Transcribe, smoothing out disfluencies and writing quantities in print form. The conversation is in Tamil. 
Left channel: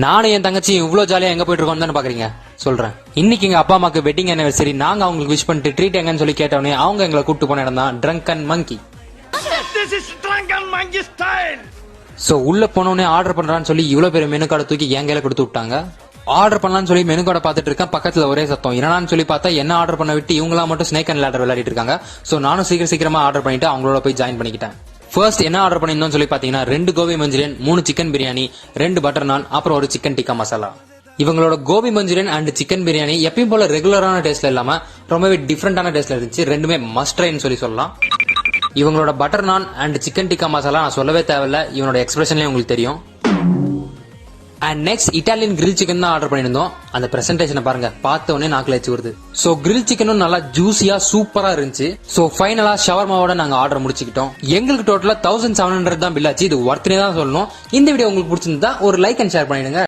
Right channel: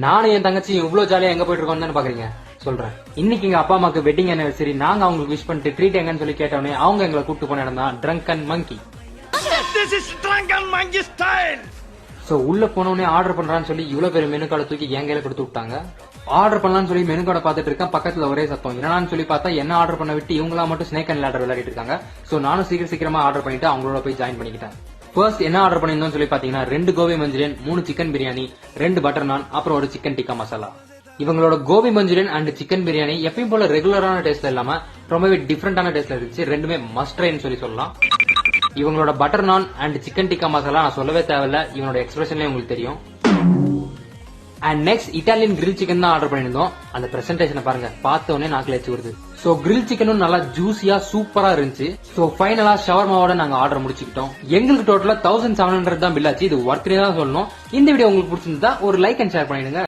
நானும் என் தங்கச்சி இவ்வளவு ஜாலியா எங்க போயிட்டு இருக்கோம் தானே பாக்குறீங்க சொல்றேன். இன்னைக்கு எங்க அப்பா அம்மாக்கு வெட்டிங் anniversary. நாங்க அவங்களுக்கு விஷ் பண்ணிட்டு ட்ரீட் எங்கன்னு சொல்லி கேட்டோன்னே அவங்க எங்களை கூட்டு போன இடம் தான் ட்ரங்கன் மங்கி. சோ உள்ள போனோடனே ஆர்டர் பண்றான்னு சொல்லி இவ்வளவு பேர் மெனு கார்டை தூக்கி என் கையில கொடுத்து விட்டாங்க. ஆர்டர் பண்ணலாம்னு சொல்லி மெனு கார்டை பார்த்துட்டு இருக்கேன். பக்கத்துல ஒரே சத்தம். என்னன்னு சொல்லி பார்த்தா என்ன ஆர்டர் பண்ண விட்டு இவங்களா மட்டும் ஸ்னேக் அண்ட் லேடர் விளையாடிட்டு இருக்காங்க. சோ நானும் சீக்கிரமா ஆர்டர் பண்ணிட்டு அவங்களோட போய் ஜாயின் பண்ணிக்கிட்டேன். ஃபர்ஸ்ட் என்ன ஆர்டர் பண்ணிருந்தோம் சொல்லி பாத்தீங்கன்னா 2 gobi manchurian, 3 chicken biryani, 2 butter naan, அப்புறம் ஒரு சிக்கன் டிக்கா மசாலா. இவங்களோட gobi manchurian and chicken biryani எப்பயும் போல ரெகுலரான டேஸ்ட்ல இல்லாம ரொம்பவே டிஃபரெண்டான டேஸ்ட்ல இருந்துச்சு. ரெண்டுமே மஸ்ட் ட்ரைன்னு சொல்லலாம். இவங்களோட பட்டர் நான் அண்ட் சிக்கன் டிக்கா மசாலா நான் சொல்லவே தேவையில்ல, இவனோட எக்ஸ்பிரஷன்லயே உங்களுக்கு தெரியும். And next Italian grill chicken தான் ஆர்டர் பண்ணிருந்தோம். அந்த பிரசன்டேஷனை பாருங்க, பார்த்த உடனே நாக்குல வச்சு வருது. சோ கிரில் சிக்கனும் நல்லா ஜூசியா சூப்பரா இருந்துச்சு. சோ ஃபைனலா ஷவர்மாவோட நாங்க ஆர்டர் முடிச்சுக்கிட்டோம். எங்களுக்கு டோட்டலா 1700 தான் பில் ஆச்சு. இது ஒர்த்னே தான் சொல்லணும். இந்த வீடியோ உங்களுக்கு பிடிச்சிருந்தா ஒரு லைக் அண்ட் ஷேர் பண்ணிடுங்க.